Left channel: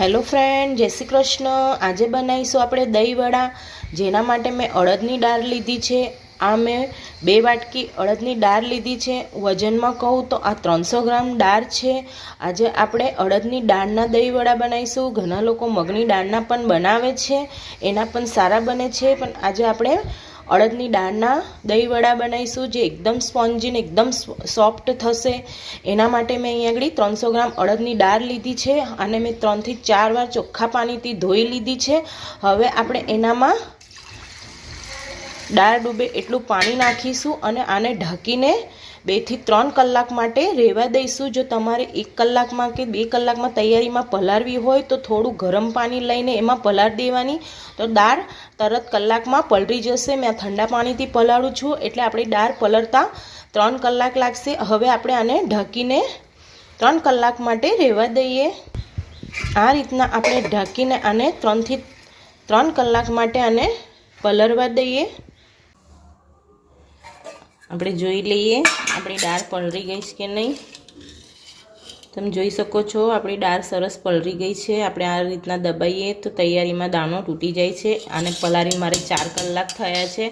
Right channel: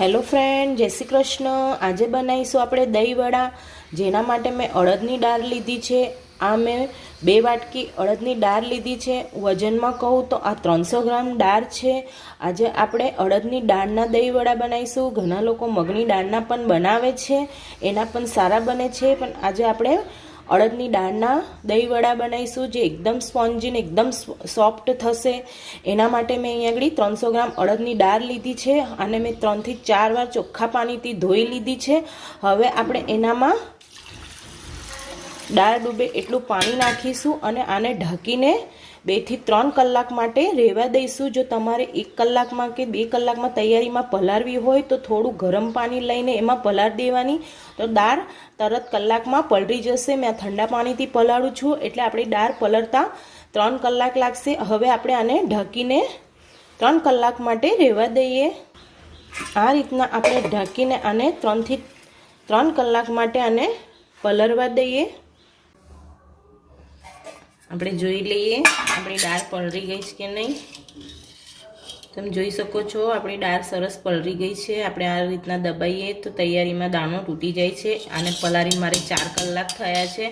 Hello friend, જય શ્રી કૃષ્ણ. આજે બનાવીશું આપણે દહીંવડા, જેના માટે મેં અડદની દાળ લીધી છે. આ મેં બે વાટકી અડદની દાળ લીધી છે. વજનમાં કહું તો આ ત્રણસો ગ્રામ દાળ છે. આજે આપણે અડદની દાળના દહીંવડા બનાવીશું. ઘણા લોકો મગની દાળના પણ બનાવે છે. એના પણ સારા બને છે. પણ આજે આપણે અડદની દાળના દહીંવડા બનાવીશું જે એકદમ સ્પોન્જી એકદમ સોફ્ટ થશે. એના માટે મેં અહીંયા આગળ ત્રણસો ગ્રામ અડદની દાળ લીધી છે અને મેં ત્રણથી ચાર વાર ચોખ્ખા પાણીથી ધોઈ લીધી છે. હવે આપણે એનામાં દાળ ડૂબે એટલું પાણી નાખીશું અને આને ઢાંકીને બેથી ત્રણ કલાક માટે રહેવા દઈશું. જો તમારે એક કલાકમાં કે બે કલાકમાં તૈયારીમાં પલાળવી હોય તો થોડું ગરમ પાણી લઈને એમાં પલાળી દેવાની. તો દાળ તરત કલાકમાં પલળી જશે. મેં ઠંડા પાણીથી પલાળું છું. એટલે આપણી દાળ પલળતા ત્રણ કલાક લાગશે. હવે આપણે આને ઢાંકીને ત્રણ કલાક માટે રહેવા દઈએ. આ રીતના આપણે ઢાંકીને આને ત્રણથી ત્રણ કલાક માટે આને પલળવા દઈએ. આપણે જોઈ લઈએ, આપણી દાળ પલળી ગઈ છે કે નહીં. તમે જોઈ શકો છો, આપણી દાળ સરસ પલળી ગઈ છે. આપણે આ રીતના દબાઈએ તો તૈયારીમાં દાણો તૂટી જાય છે અને પલાળી મારે ચાર કલાક થયા છે,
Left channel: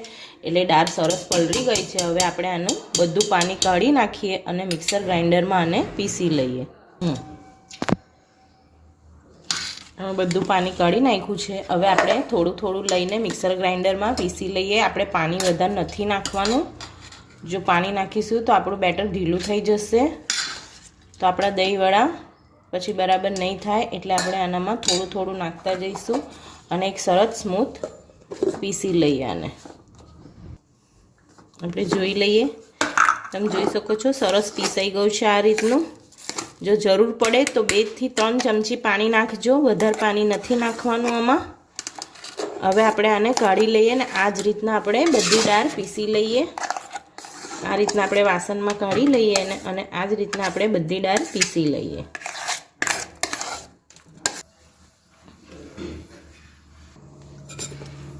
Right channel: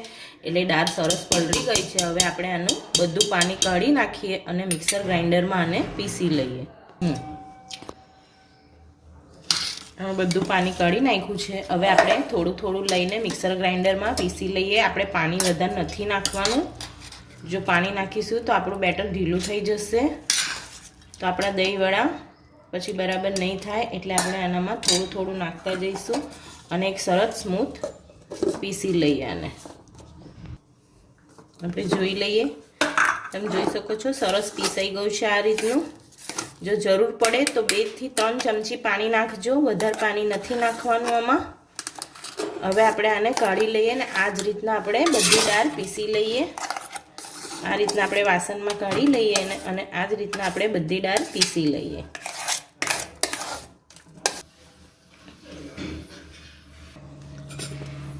એટલે દાળ સરસ પલળી ગઈ છે. હવે આપણે આનું બધું પાણી કાઢી નાખીએ અને મિક્સર ગ્રાઇન્ડરમાં આને પીસી લઈએ. બધું પાણી કાઢી નાખ્યું છે. હવે આપણે થોડું થોડું લઈને મિક્સર ગ્રાઇન્ડરમાં પીસી લઈએ. આપણે પાણી વધારે નથી નાખવાનું. જો પાણી નાખીશું તો આપણું બેટર ઢીલું થઈ જશે. તો આપણા દહીંવડા પછી બરાબર નહીં થાય એટલે આપણે આનામાં થોડું થોડું નાખતા જઈશું અને એક સરસ સ્મૂથ પીસી લઈએ આને. આપણે જોઈ લઈએ. તમે જોઈ શકો છો સરસ પીસાઈ ગયું છે આ રીતનું. જો જરૂર પડે તો બેથી ત્રણ ચમચી પાણી નાખજો. વધારે પાણી નથી નાખવાનું આમાં. હવે આપણે આને કાઢી લઈએ અને આ જ રીતના આપણે બધી દાળ પીસી લઈએ. આ રીતના આપણે વાસણમાં કાઢી લઈએ અને આ જ રીતના આપણે બધી દાળ પીસી લઈએ.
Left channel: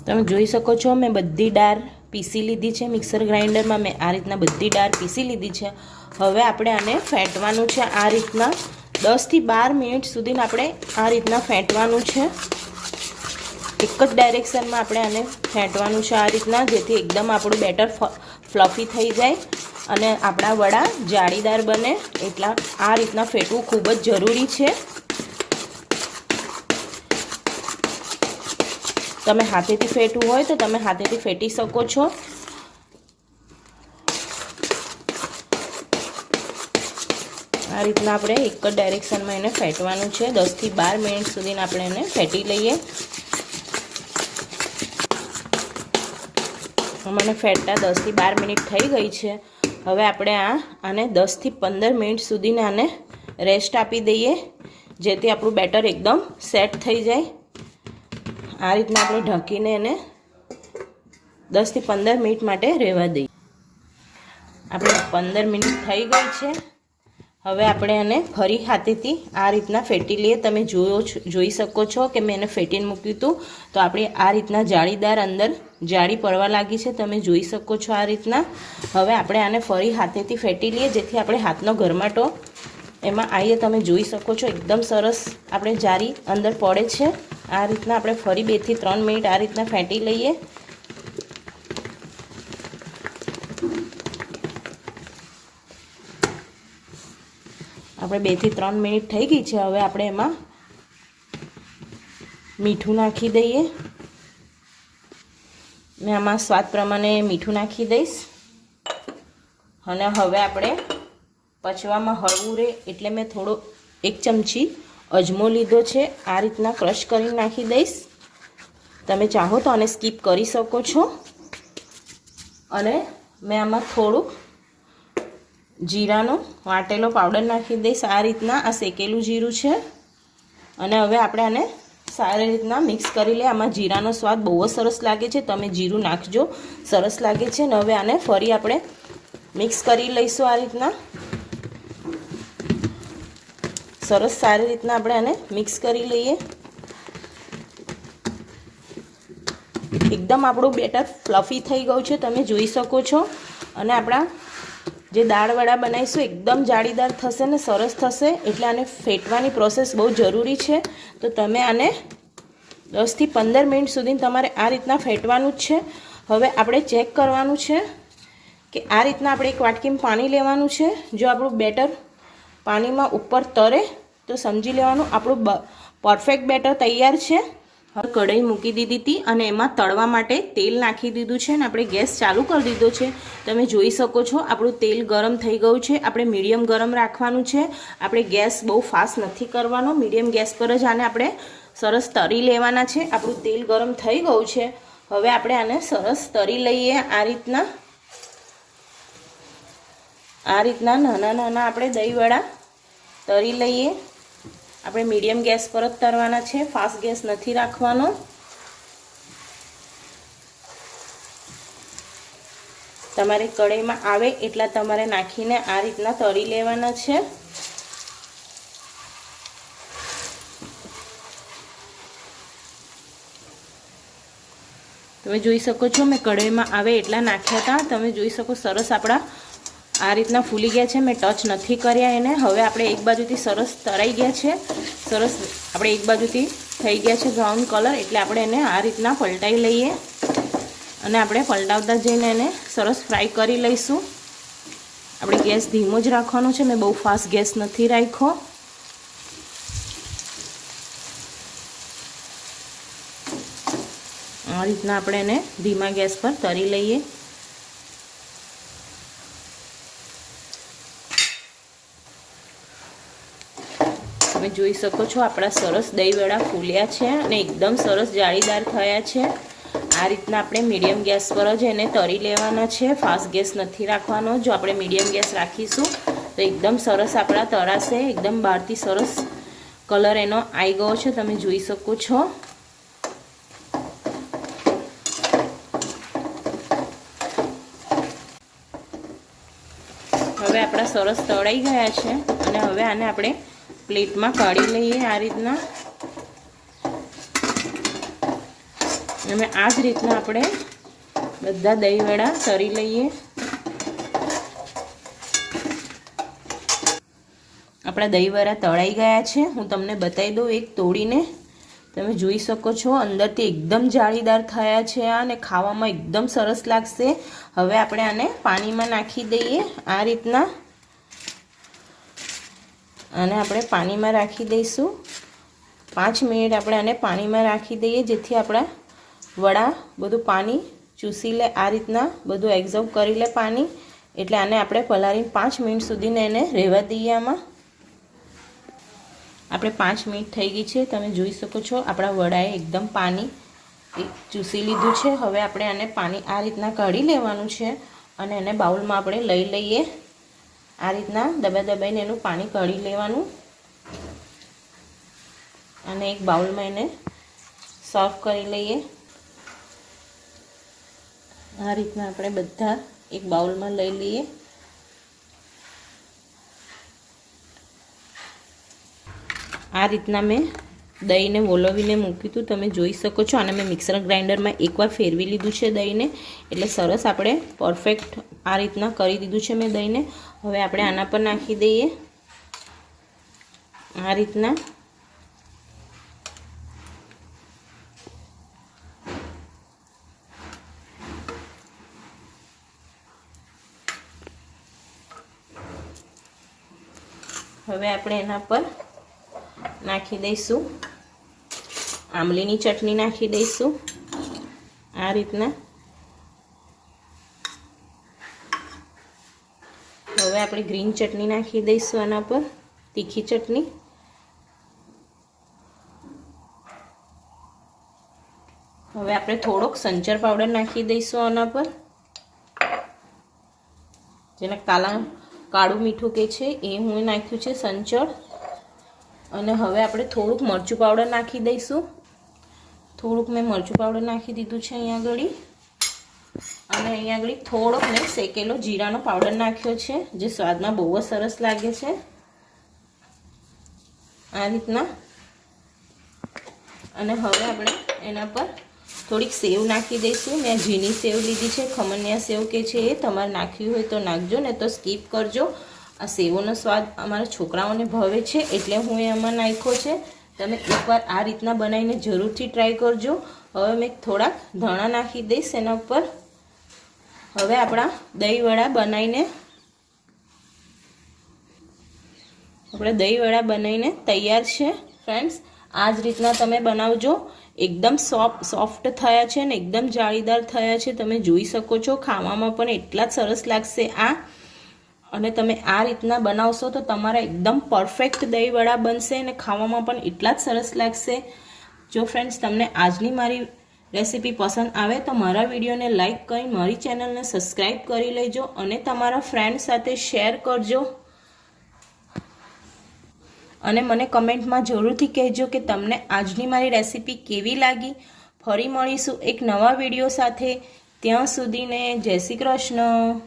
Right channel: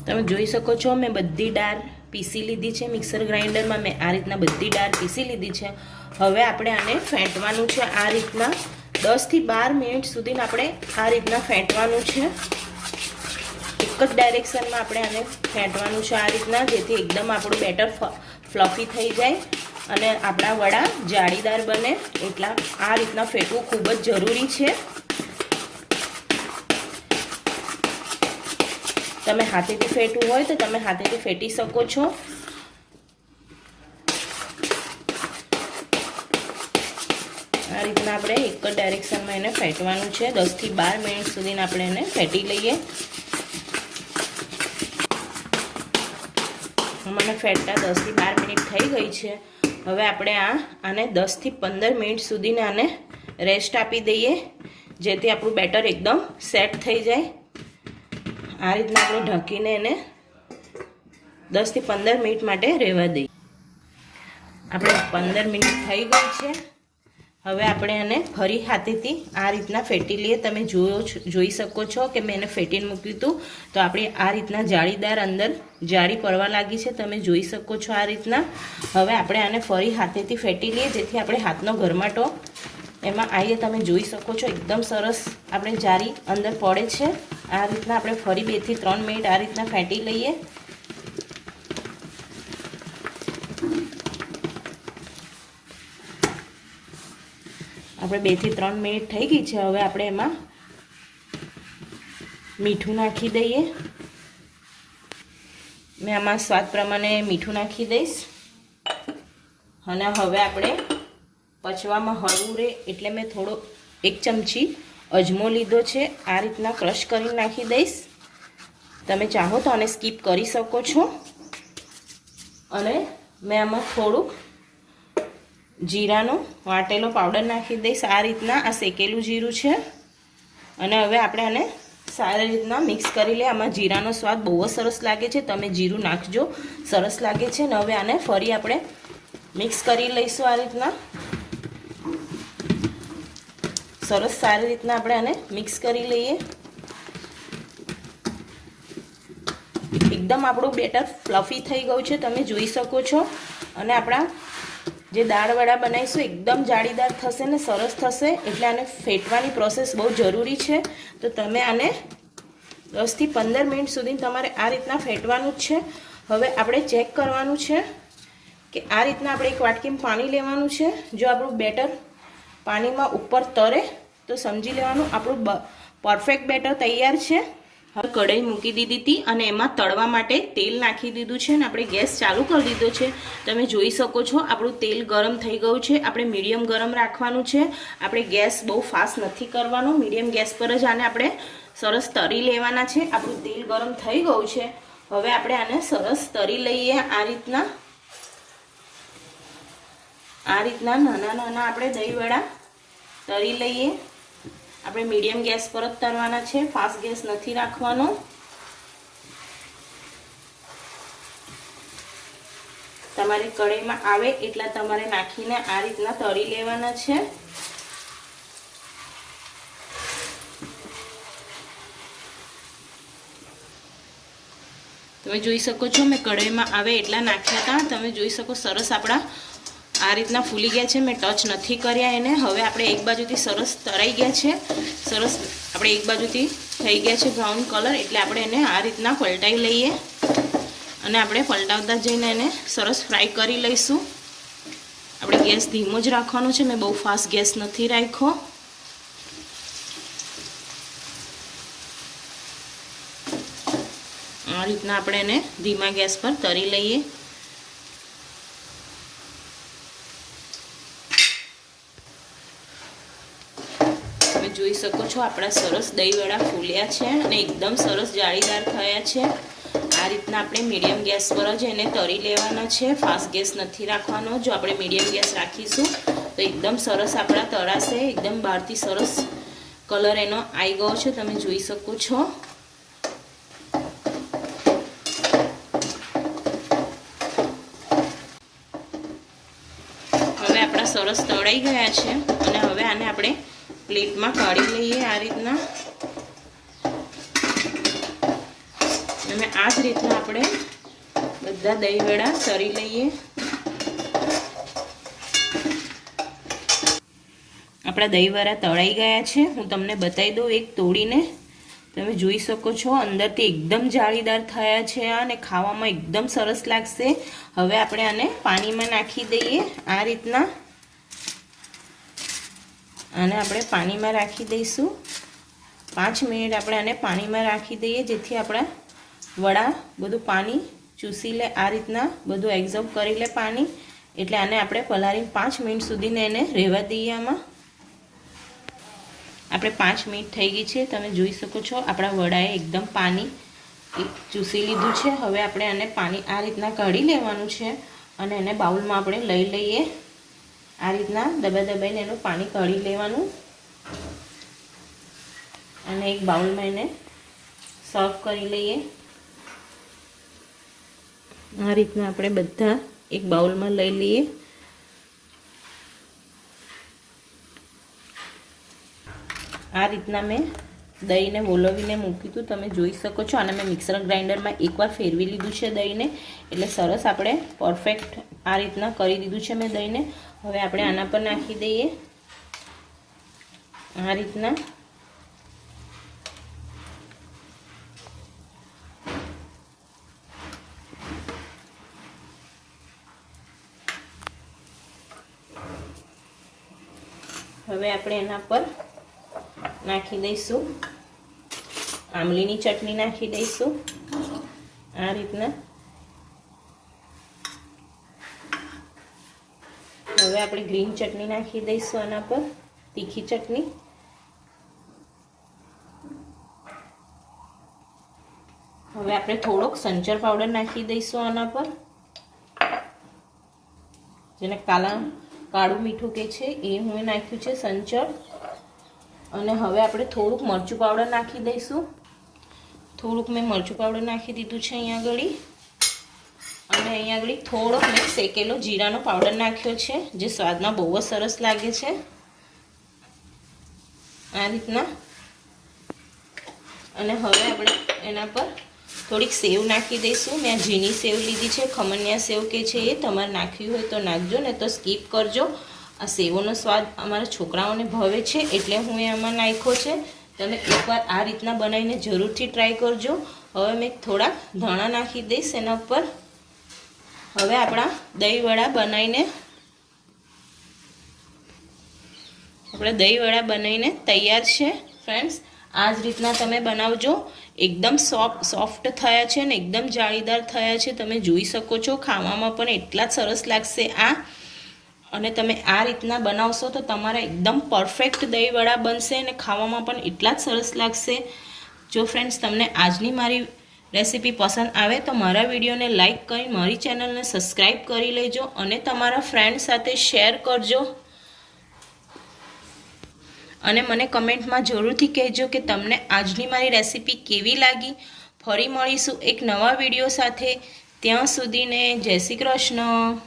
તમે જોઈ શકો છો, મેં બધી દાળ પીસી લીધી છે, મિક્સર ગ્રાઇન્ડરમાં મેં આ રીતના બધી દાળ પીસી લીધી છે. હવે આપણે આને ફેંટવાનું છે આ રીતના. દસથી બાર મિનિટ સુધી આપણે આ રીતના ફેંટવાનું છે. એક જ ડાયરેક્શનમાં આપણે આને ફેંટવાનું છે આ રીતના, જેથી એકદમ આપણું બેટર ફ્લફી થઈ જાય અને આપણા વડા જાળીદાર બને એટલા આ રીતના ફેટવું ખૂબ જ જરૂરી છે. તમે હાથેથી ફેટવું હોય તો તમે હાથેથી ફેટી શકો છો. આ રીતના આપણે એક જ ડાયરેક્શનમાં એને ફેટવાનું છે. દસથી બાર મિનિટ સુધી આપણે એને ફેટી લઈએ. મને ફેટતા દસથી બાર મિનિટ થઈ ગઈ છે. હવે આપણે આ આને દસથી પંદર મિનિટ સુધીને આને રેસ્ટ આપી દઈએ, જેથી આપણું બેટર એકદમ સેટ થઈ જાય. આ રીતના આપણે ઢાંકીને એને દસથી પંદર મિનિટ માટે રહેવા દઈએ. આપણે પંદર મિનિટ થઈ ગઈ છે. હવે આપણે એને ફરી હાથેથી આ રીતના ફેટી લઈએ. તમે જોયો જોઈ શકો છો કે મેં એને ફેટીને મૂક્યું હતું. તો આપણે આ રીતના જાળીદાર અંદર જાળી પડવા લાગી છે. તમે જોઈ શકો છો આ રીતના. હવે આપણે આને ફરી હાથેથી ફેટી લઈએ, જેથી આપણે હાથનો ગરમાટો એમાં આવીએ તમે જોઈ શકો છો, એકદમ સરસ આપણે જાળી અંદર પડે છે. આ રીતના આપણે ફરી બેથી ત્રણ મિનિટ આ રીતના ફેંટી લઈએ. આપણે બેથી ત્રણ મિનિટ થઈ ગઈ છે, હવે આપણે એમાં મીઠું નાખી દઈએ. મેં આમાં સ્વાદ પ્રમાણે મીઠું નાખી દઈશ. અને હવે આપણે પચવામાં હળવું રહે એટલે મેં થોડો એક ચમચી અજમો લીધો છે, આ રીતના ક્રશ કરીને નાખી દઈશ. તમે ચાહો તો આને સ્કીપ કરી શકો છો. અને મેં આમાં થોડુંક જીરાનો વાટેલો પાવડર નાખી દઈશ. આ રીતના આ શેકેલું જીરું છે. અને હવે આપણે આને સારી રીતના મિક્સ કરી લઈએ. આમાં જીરાનો સ્વાદ બહુ જ સરસ લાગે છે. તમે જીરું નાખજો. સરસ લાગે છે. ને હવે આને ફરી આપણે મિક્સ કરી લઈશું આ રીતના. સરસ સારી રીતના આપણે આને મિક્સ કરી લઈએ. એકદમ આપણું બેટર ફ્લફી થઈ ગયું છે. તમે જોઈ શકો છો. અને આપણા જે દાળવડા બનાવીશું, એકદમ જાળીદાર થશે ને સરસ થશે, એટલે આને ફેટવાની પ્રોસેસ બહુ જરૂરી છે. તો તમે આને દસથી પંદર મિનિટ સુધી તમારે આ રીતના ફેટવાનું જ છે. હવે આપણે ચેક કરવાનું છે કે આ રીતના આપણે એક વાટકીમાં પાણી લેવાનું છે. જો આપણું બેટર પાણીમાં ઉપર તરે, તો સમજી લેવાનું આપણું પરફેક્ટ બેટર તૈયાર છે. હવે કઢાઈ મૂકી દીધી હતી અને એમાં તળવા માટે તેલ નાખી દીધું છે અને આપણે ગેસ ચાલુ કરી દીધો છે. તમે જોઈ શકો છો, આપણું તેલ ગરમ થઈ ગયું છે. આપણે મીડિયમ ગરમ રાખવાનું છે. આપણે ગેસ બહુ ફાસ્ટ નથી કરવાનો. મીડિયમ ગેસ પર જ આને આપણે સરસ તરી લેવાના છે. આપણું તેલ ગરમ થઈ ગયું છે. હવે આપણે આને સરસ તરી લઈએ. આ રીતના આ રીતના નાના નાના આપણે દહીંવડા તરી લઈએ. આપણે મીડિયમ ગેસ પર જ તરવાના છે, ફાસ્ટ ગેસ નથી રાખવાનો. તમારે કઢાઈમાં આવે એટલા તમારે નાખીને આ રીતના તળી લેવાના છે. તમે જોઈ શકો છો, મેં કઢાઈમાં આવે એટલા નાખ્યા હતા. તમે જોઈ શકો સરસ આપણા આ રીતના ફૂલી ગયા છે. મેં ટચ નથી કર્યા એને. હવે આપણે એક બાજુથી સરસ તરાઈ ગયા છે. સરસ આપણે એક બાજુથી થઈ ગયા છે બ્રાઉન કલર. એટલે આપણે એને આ રીતના પલટાવી લઈએ. અને આપણે પલટાવતા જઈને એને સરસ ફ્રાય કરી લઈશું. આપણે ગેસ ધીમો જ રાખવાનો છે. મેં બહુ ફાસ્ટ ગેસ નથી રાખ્યો. આ રીતના આપણે એને ધીમા ગેસ પર તરી લઈએ. જોઈ શકો છો, આપણા સરસ દહીંવડા ફૂલ્યા છે અને એકદમ સરસ જાળીદાર થયા છે. આ રીતના આપણે મીડિયમ ગેસ પર જ એને તરી લેવાના છે. ફાસ્ટ ગેસ નથી રાખવાનો. જો આપણે મીડિયમ ગેસ રાખીશું, તો એકદમ સરસ આપણા તરાશે. એકદમ બહારથી સરસ કલર એનો આવી ગયો છે. તમે જોઈ શકો છો. હવે આપણા સરસ તળાઈ ગયા છે અને હવે આને આપણે પ્લેટમાં કાઢી લઈએ આ રીતના. અને આ જ રીતના આપણે બધા દહીંવડા તરી લઈએ. આપણા દહીંવડા તળાઈ ગયા છે. હું તમને બતાવી દઉં એક તોડીને. તમે જોઈ શકો છો, અંદરથી એકદમ જાળીદાર થયા છે અને ખાવામાં એકદમ સરસ લાગશે. હવે આપણે આને પાણીમાં નાખી દઈએ આ રીતના. આને આપણે પાણીમાં રાખી દઈશું. પાંચ મિનિટ આપણે આને પાણીમાં રાખી દઈએ, જેથી આપણા વડા બધું પાણી ચૂસી લે, આ રીતના બધું એબ્ઝોર્બ કરી લે પાણી. એટલે આને આપણે પલાળીને પાંચ મિનિટ સુધીને એને રહેવા દઈએ આમાં. આપણે પાંચ મિનિટ થઈ ગઈ છે, તમે જોઈ શકો છો આપણા વડાએ એકદમ પાણી ચૂસી લીધું છે. હવે આપણે આને પાણી આ રીતના કાઢી લેવાનું છે અને એને બાઉલમાં આપણે લઈ લઈએ. આ રીતના દબાઈ દબાઈને એનું પાણી કાઢી લેવાનું. અને એક બાઉલમાં એને સર્વ કરી લઈએ. આ રીતના આપણે બધા એક બાઉલમાં લઈ લઈએ. આ રીતના મેં દહીંને વોલવીને મૂક્યું હતું. તમે જોઈ શકો છો. અને મેં મિક્સર ગ્રાઇન્ડરમાં એકવાર ફેરવી લીધું છે દહીંને. એટલે સરસ આપણે પરફેક્ટ આ રીતના કરી દીધું છે મેં દહીંને. હવે આપણે આના પર નાખી દઈએ. આ રીતના. હવે આપણે એના પર નાખી દઈશું. આમલીની ચટણી નાખી દઈશું. આ રીતના હવે આપણે ગ્રીન ચટણી નાખી દઈશું આના પર, તીખી ચટણી. હવે આપણે થોડોક સંચર પાવડર નાખી દઈશું આના પર. જેને કાલા, કાળું મીઠું કે છે એ હું નાખ્યું છે સંચળ અને હવે આપણે થોડુંક મરચું પાવડર નાખી દઈશું. થોડુંક મેં મરચું પાવડર નાખી દીધું છે અહીંયા આગળ. અને અહીંયા આગળ થોડોક મેં શેકેલો જીરાનો પાવડર નાખ્યો છે, જે સ્વાદમાં બહુ જ સરસ લાગે છે. આ રીતના. અને હવે આપણે એના પર થોડીક સેવ નાખી દઈશું. મેં ઝીણી સેવ લીધી છે, ખમણિયા સેવ કે છે એ તમારે નાખ્યું હોય તો નાખજો, ને તો સ્કીપ કરજો. આ સેવોનો સ્વાદ અમારા છોકરાઓને ભાવે છે, એટલે હું એ આમાં નાખ્યો છે. તમે એકવાર આ રીતના બનાવીને જરૂરથી ટ્રાય કરજો. હવે મેં થોડાક ધાણા નાખી દઈશ એના ઉપર. હવે આપણા દહીંવડા બનાવીને આપણે દહીંવડા બનાવીને તૈયાર છે. ફ્રેન્ડ્સ આ જ રીતના તમે બનાવજો. એકદમ સોફ્ટ સોફ્ટ થયા છે ને એકદમ જાળીદાર થયા છે. તમે જોઈ શકો છો, ખાવામાં પણ એટલા જ સરસ લાગશે આ. અને તમે આ રીતના બનાવશો તો તમારા એકદમ પરફેક્ટ દહીંવડા બનશે અને ખાવામાં પણ એટલા જ સરસ લાગશે. જો ફ્રેન્ડ્સ તમને આજની મારી રેસીપી પસંદ આવે તો મારા વિડીયોને લાઇક કરી મારી ચેનલને સબસ્ક્રાઈબ કરી લેજો અને તમારા ફ્રેન્ડ સાથે શેર કરજો. અને મને કમેન્ટમાં જરૂરથી કહેજો કે તમને આજની મારી રેસીપી કેવી લાગી. ફરી મળીશું એક નવા વીડિયો સાથે. ત્યાં સુધીને જય શ્રી કૃષ્ણ.